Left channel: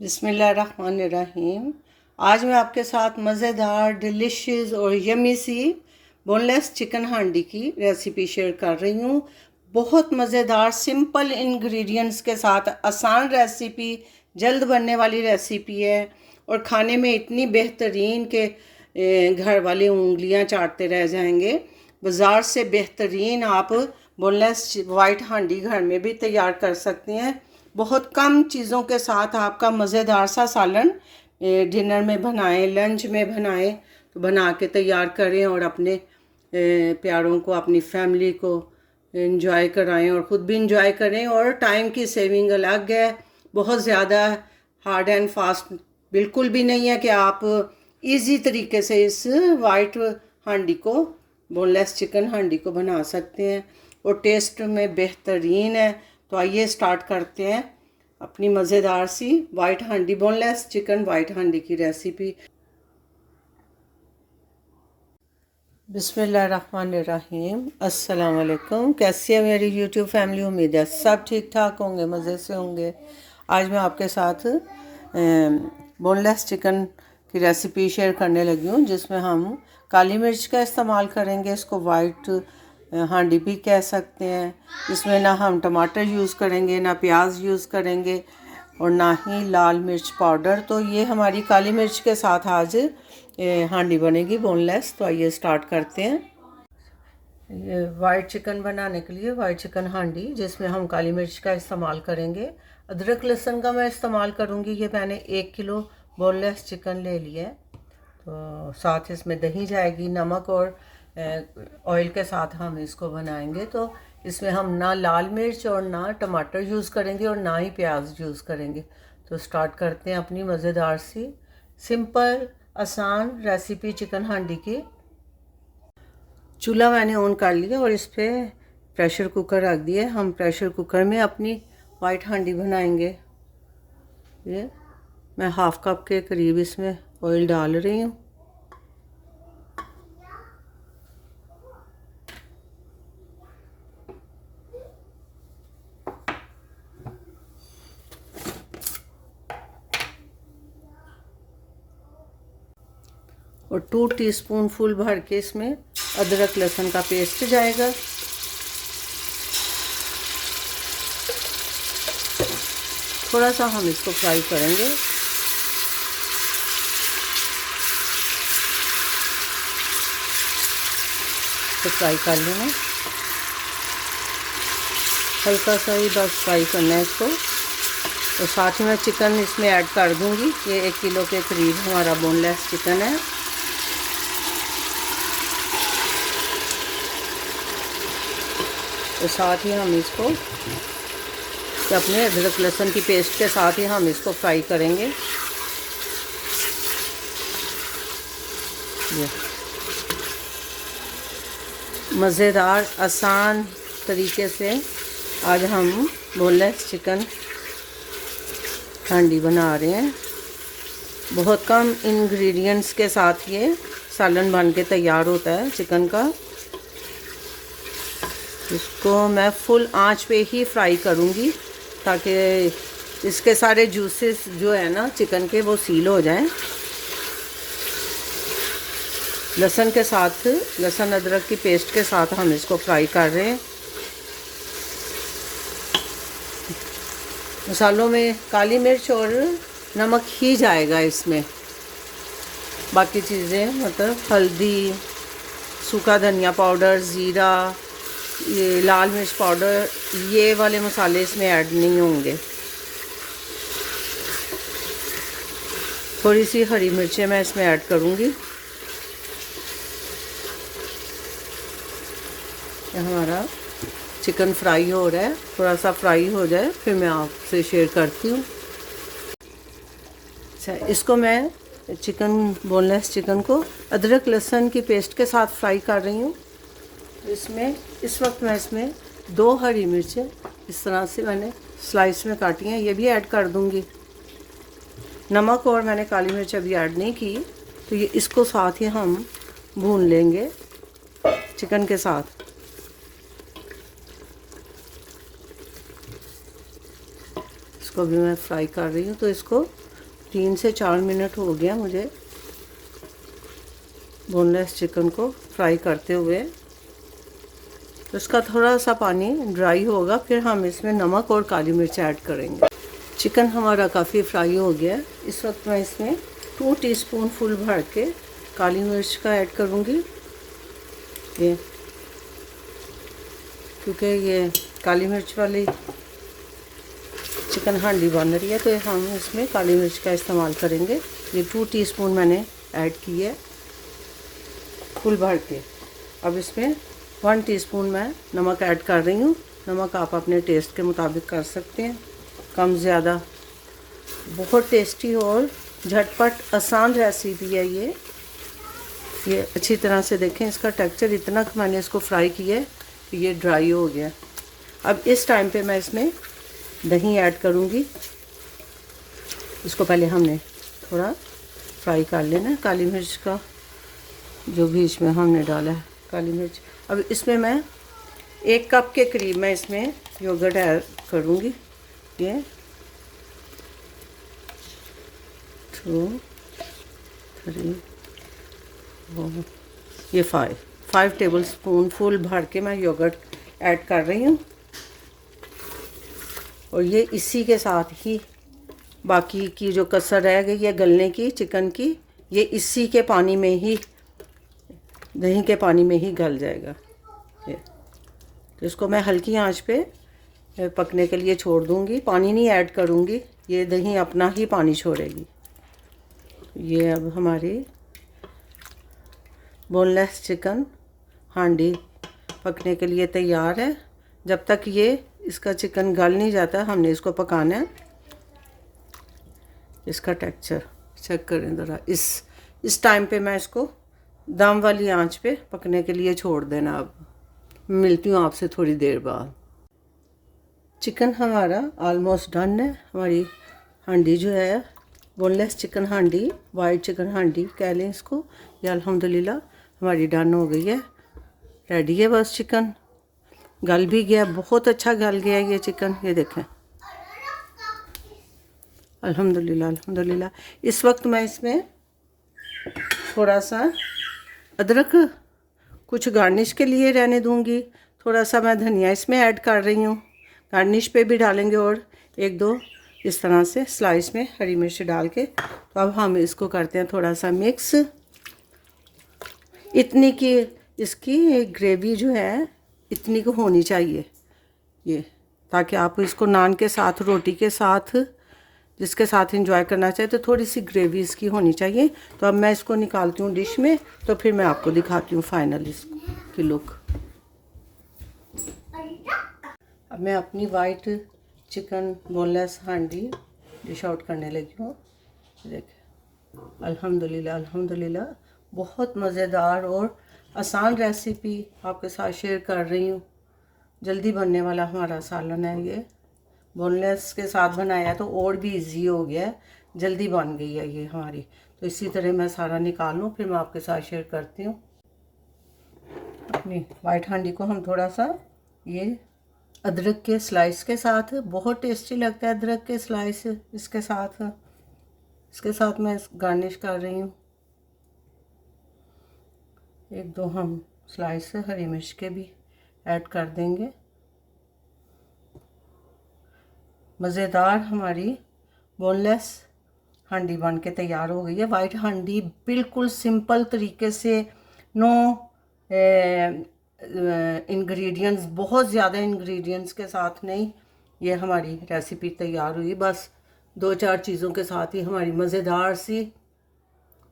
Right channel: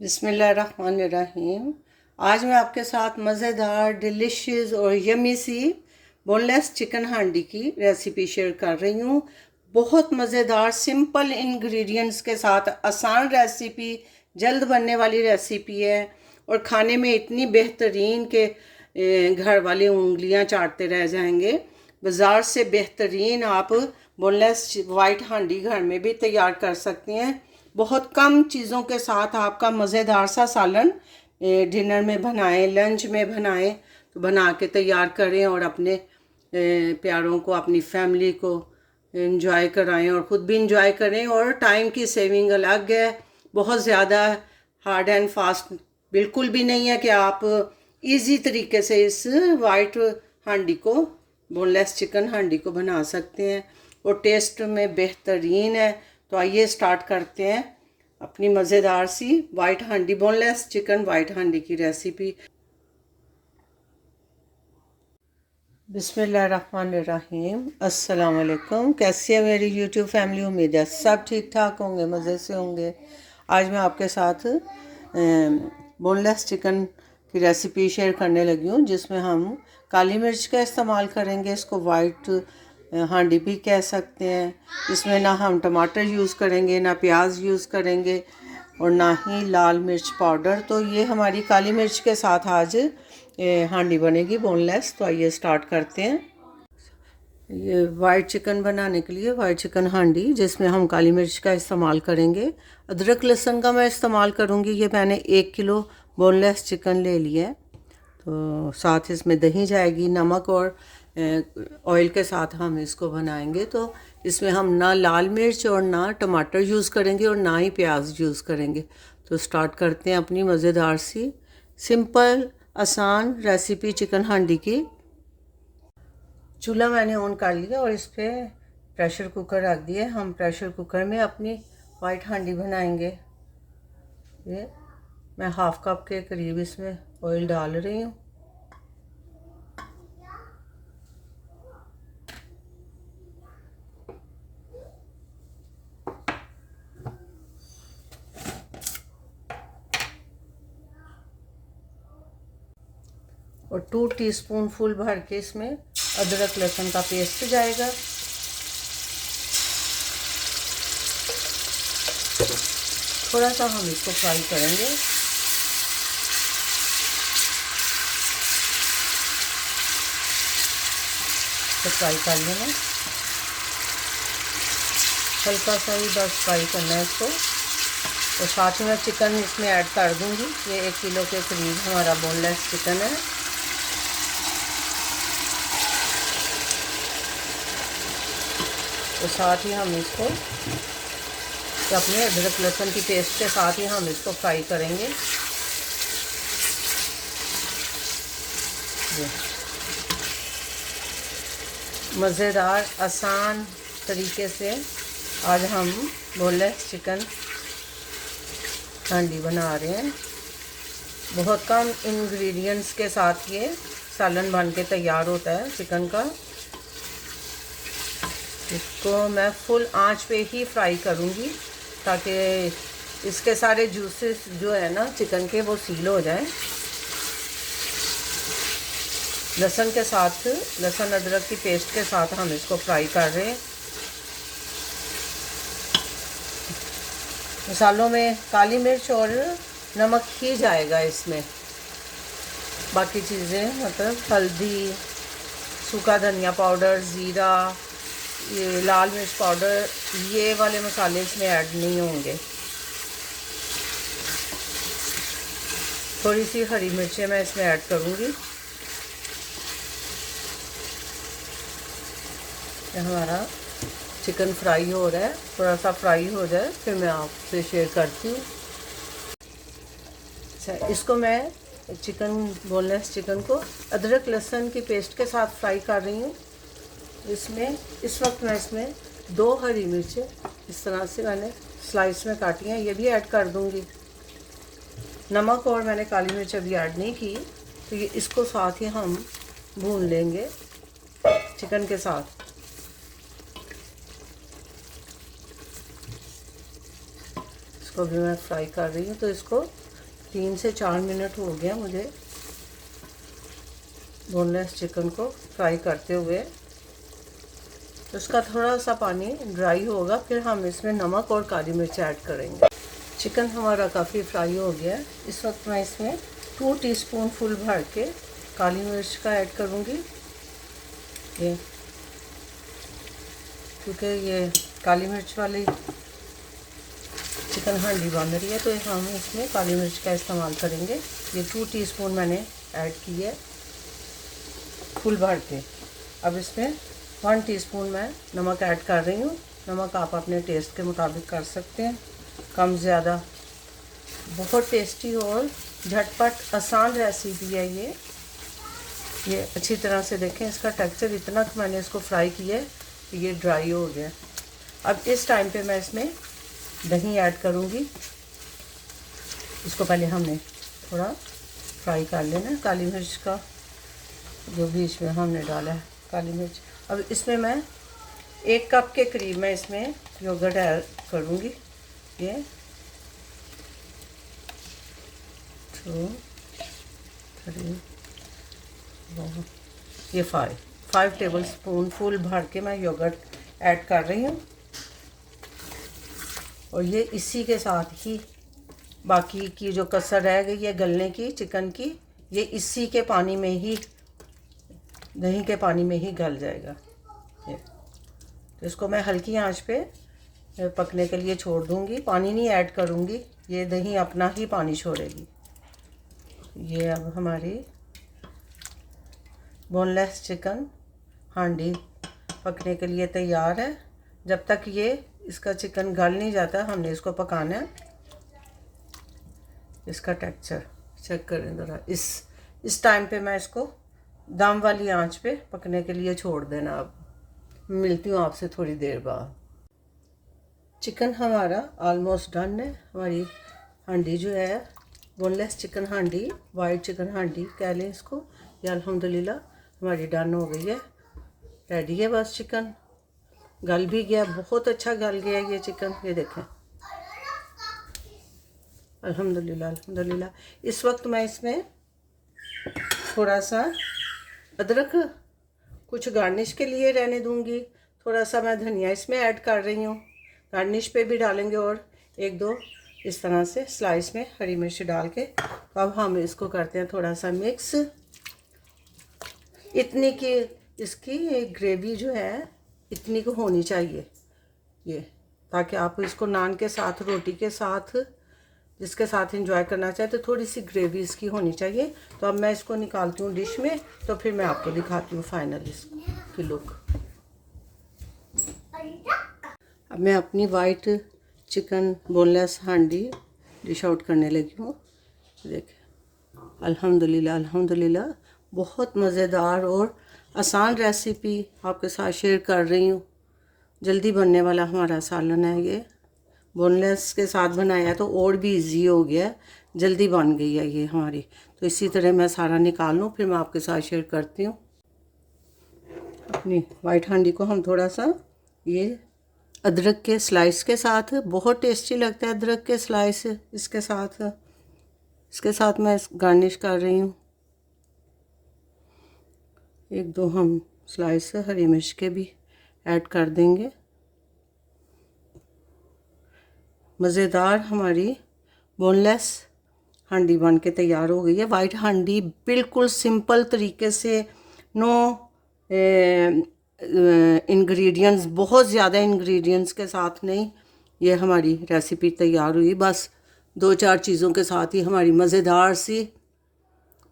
बिस्मिल्लाहिर्रहमानिर्रहीम। आज मैं आपके साथ मज़ेदार डिलिशियस और यमी सी बोनलेस चिकन हांडी की रेसिपी शेयर कर रही हूँ। बहुत मज़ेदार सिंपल इंग्रेडिएंट्स के साथ आसान रेसिपी, जल्द बनने वाली रेसिपी है और खाने में इतनी बेहतरीन के घर वाले उंगलियाँ चाटते रह जाएंगे। बाज़ार से बेहतरीन आप बोनलेस वाइट हांडी घर में भी तैयार कर सकती हैं। बहुत कम चीज़ों के साथ आपका मज़ेदार सा सालन डिनर में बनाएं, लंच में बनाएं, तो बना के तैयार करें और अपने प्यारों को, अपनी फैमिली को इंजॉय कराएं और ख़ुद भी इंजॉय करें। और टाइम की सेविंग अलग है, बहुत ज़्यादा हार्ड एंड फास्ट बिल्कुल भी नहीं है कि आप इजी तरीके से इस वाइट हांडी को, बोनलेस चिकन हांडी को बना सकते हैं और टेस्ट में बेहतरीन है। तो आइए स्टार्ट करते हैं अपनी मज़ेदार सी वाइट हांडी, बोनलेस चिकन वाइट हांडी की रेसिपी। बिस्मिल्लाहिर्रहमानिर्रहीम। अस्सलाम वालेकुम। कैसी है मेरी यूट्यूब फैमिली? उम्मीद है सब ठीक ठाक होंगे, मज़े से होंगे। आज मैं आपके साथ बोनलेस चिकन की रेसिपी शेयर करने लगी हूँ, जिसमें हम काली मिर्च का इस्तेमाल करेंगे। इसको वाइट हांडी भी कह सकते हैं। इसमें ना हम टमाटर यूज़ करेंगे, ना प्याज यूज़ करेंगे और ना ही लाल मिर्च पाउडर। तो ये हमारी काली मिर्च के साथ आज हांडी बनेगी बोनलेस। तो आइए स्टार्ट करते हैं। ये वाइट चिकन बनाने के लिए वाइट चिकन हांडी, जिसमें हम काली मिर्च का इस्तेमाल करेंगे। अदरक लहसुन का मैं इस्तेमाल करूँगी। ये मैंने 1 किलो बोनलेस चिकन ले लिया है। तो साथ इसमें दही जाएगी, नमक और ऑयल के साथ हम इसको बनाएंगे। तो इसमें हम ना लाल मिर्च और ना टमाटर यूज़ करेंगे और ना ही प्याज यूज़ करेंगे। तो स्टार्ट करते हैं अपनी मज़ेदार सी सिंपल आसान रेसिपी चिकन हांडी की। चूल्हा मैंने ऑन कर लिया और इस पर प्रेशर कुकर रख दिया। हम प्रेशर कुकर में अपनी वाइट हांडी बनाएंगे। ये मैं हाफ़ कप के करीब इसमें ऑयल डाल रही हूँ। और 2 टीस्पून फुल भर के इसमें अदरक लहसुन का पेस्ट जाएगा। थोड़ा सा हम इसको फ्राई करेंगे। तो फ्राई कर लेंगे, हल्का सा ही बस फ्राई करना है इसको। और साथ ही मैं चिकन इसमें ऐड कर दूंगी। ये 1 किलो के करीब हमारा बोनलेस चिकन है। तो साथ ही हम इसको अपने अदरक लहसुन की पेस्ट के साथ ही हम इसको फ्राई करेंगे। ये मज़ेदार आसान तरीके से आज हम बोनलेस चिकन हांडी बना रहे हैं। बहुत कम इंग्रेडिएंट्स के साथ ये सालन बन के तैयार होता है चिकन का। इसको मैं फुल आंच पे ही फ्राई करूँगी ताकि इसके सारे जूसेस जो है ना चिकन के, वो सील हो जाएं। लहसुन के साथ, लहसुन अदरक की पेस्ट के साथ हम इसको फ्राई कर रहे हैं। मसालों में काली मिर्च और नमक ही जाएगा इसमें। बाकी चीज़ें मतलब हल्दी, सूखा धनिया पाउडर, ज़ीरा, ये लाल मिर्च पाउडर, ये वाले मसाले इसमें ऐड नहीं होंगे। थोड़ी सी हरी मिर्चें मैं इसमें ऐड करूँगी। हमारा चिकन फ्राई हो रहा है, थोड़ा सा फ्राई हो जाए फिर मैं आपसे शेयर करती हूँ। अच्छा, इसको मैं बोनलेस चिकन को अदरक लहसुन की पेस्ट के साथ फ्राई कर रही हूँ। इसमें इस वक्त मैं इसमें 2 हरी मिर्चें इस तरह से मैंने स्लाइस में काटी हैं, ये भी ऐड कर दूँगी। नमक और मैंने काली मिर्च अभी ऐड नहीं की। तो ये इसको साथ ही हम भून लेंगे चिकन के साथ। इसको इसको भी मैं फ्राई कर रही हूँ। तो इसको 3 से 4 मिनट हो गया मुझे बोनलेस चिकन को फ्राई करते हुए। तो इसका थोड़ा सा पानी ड्राई होगा, फिर हम इसमें नमक और काली मिर्च ऐड करेंगे। चिकन हमारा काफ़ी फ्राई हो गया। इस वक्त मैं इसमें 2 टीस्पून फुल भर के काली मिर्च का ऐड करूँगी। ये क्योंकि ये काली मिर्च वाली चिकन हांडी बन रही है तो हम इसमें काली मिर्च का इस्तेमाल करेंगे। ये 2 टीस्पून मैंने ऐड की है फुल भर के। अब इसमें 1 टीस्पून मैं नमक ऐड कर रही हूँ। नमक आप अपने टेस्ट के मुताबिक कर सकते हैं, कम ज़्यादा। बहुत टेस्टी और झटपट आसान रेसिपी है ये अच्छी तरह से देखें इसका टेक्सचर, इतना मैंने इसको फ्राई किया है, ये ड्राई हो गया। अब इस टाइम पे मैं इसमें दही ऐड करूँगी। इसको पहले हमने थोड़ा फ्राई कर लेना, काली मिर्च का जो भी इसमें हमने डाला है काली मिर्च। अब इसमें मैं 1 कप के करीब मैं इसमें योगर्ट ऐड करूँगी। ये 2 3 4 ये 5 टेबल स्पून फुल भर के मैं योगर्ट ऐड कर रही हूँ। और ये इसी के साथ ही बाकी की जो कसर रह गई है गलने की चिकन की, ये इसी के पानी में ही, दही के पानी में ही गल जाएगा ये। तो इसको मैं हल्की आंच पे पकने के लिए छोड़ दूँगी, पानी नहीं ऐड करूँगी, ये दही अपना ही पानी छोड़ेगी। ये अब हमारी बोनलेस चिकन हांडी पकने के लिए तैयार है। जब तक ये इसका चिकन गल नहीं जाता हमने इसको पकाना है। इसका टेक्सचर चेक करें ज़रा। इस टाइम पे मैं इसको दम वाली आंच पे पकने के लिए छोड़ देना। अब मिलती हूँ आपसे थोड़ी देर बाद। चिकन हमारा ऑलमोस्ट डन है। हमारी हांडी जो है बोनलेस चिकन हांडी, वाइट चिकन हांडी कह लें इसको, ये अल्हम्दुलिल्लाह हमारी डन हो गई है, रेडी है। बस चिकन गल भी गया, बहुत अच्छा गल गया ये चिकन, ये देखें अल्हम्दुलिल्लाह अल्हम्दुलिल्लाह। इस वक्त मैं इसमें थोड़ा सा अदरक कुछ गार्निश के लिए रहने दूंगी, थोड़ा सा मैं धनिया इसमें ऐड कर रही हूँ, गार्निश पे भी डालेंगे, और 1-2 इस तरह से स्लाइस में हरी मिर्च डाल के। तो अब हम इसको करते हैं थोड़ा सा मिक्स। इतनी की इसकी ग्रेवी जो है इतनी को होनी चाहिए ये, ताकि आप इसको नान के साथ, रोटी के साथ, जिसके साथ एंजॉय करना चाहे तो थोड़ी सी ग्रेवी इसकी होनी चाहिए। तो अब मैं इसको निकालती हूँ डिश में, तो फिर मैं आपको दिखाती हूँ फाइनल इसकी लुक। अब मैं अपनी वाइट चिकन बोनलेस हांडी डिश आउट करने लगी हूँ। देखिए अल्हम्दुलिल्लाह अल्हम्दुलिल्लाह, बहुत मज़ेदार और आसान रेसिपी आपके साथ शेयर कर रही हूँ। जल्दी बनने वाला हमारा सालन है ये, बोनलेस के साथ बनाया तो और भी इजी हो गया, जल्दी बन गई है ये हमारी। तो इसी तरह मैं सारा निकाल लूँ, फिर मैं आपके साथ शेयर करती हूँ। अपनी वाइट हांडी को हम थोड़ा सा ये अदरक के स्लाइस के साथ, बहुत टेस्टी लगता है अदरक के स्लाइस, इसके साथ मैं गार्निश कर रही हूँ। 1-2 हम स्लाइस से हरी मिर्च के भी ऐड कर देंगे। मज़ेदार हमारी बोनलेस हांडी बन के तैयार हो गई है। वाइट हांडी बिल्कुल सिंपल तरीके से, नो इंग्रेडिएंट्स, बहुत ज़्यादा इंग्रेडिएंट्स के साथ नहीं, ये हमारी रेसिपी तैयार हुई। बस 2-4 चीज़ों के साथ ही हमारी मज़ेदार सी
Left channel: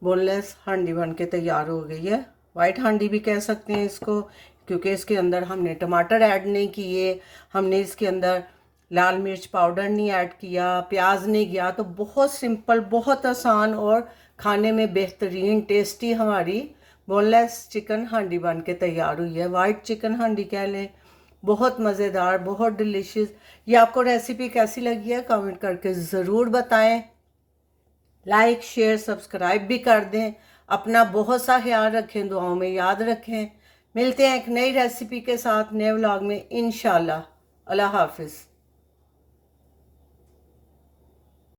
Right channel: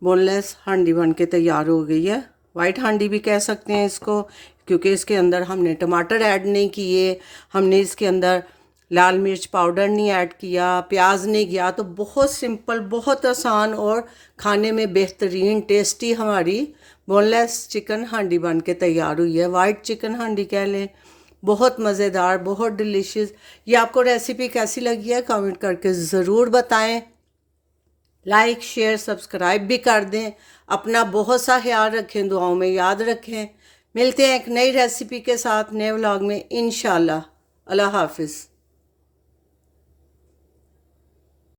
बोनलेस हांडी बन के तैयार हो गई है। वाइट हांडी भी कह सकते हैं इसको, क्योंकि इसके अंदर हमने टमाटर ऐड नहीं किए, हमने इसके अंदर लाल मिर्च पाउडर नहीं ऐड किया, प्याज नहीं किया। तो बहुत सिंपल, बहुत आसान और खाने में बेहतरीन टेस्टी हमारी बोनलेस चिकन हांडी बन के तैयार हुई है। वाइट चिकन हांडी कह लें, बहुत मज़ेदार, बहुत डिलीशियस। ये आपको रेसिपी कैसी लगी है कमेंट करके ज़रूर बताएं। लाइक शेयर सब्सक्राइब भी कर दें। अपना बहुत सा ख्याल रखें, दुआओं में याद रखें। मिलते हैं एक नई रेसिपी के साथ नए व्लॉग में इंशाल्लाह। अल्लाह हाफिज़।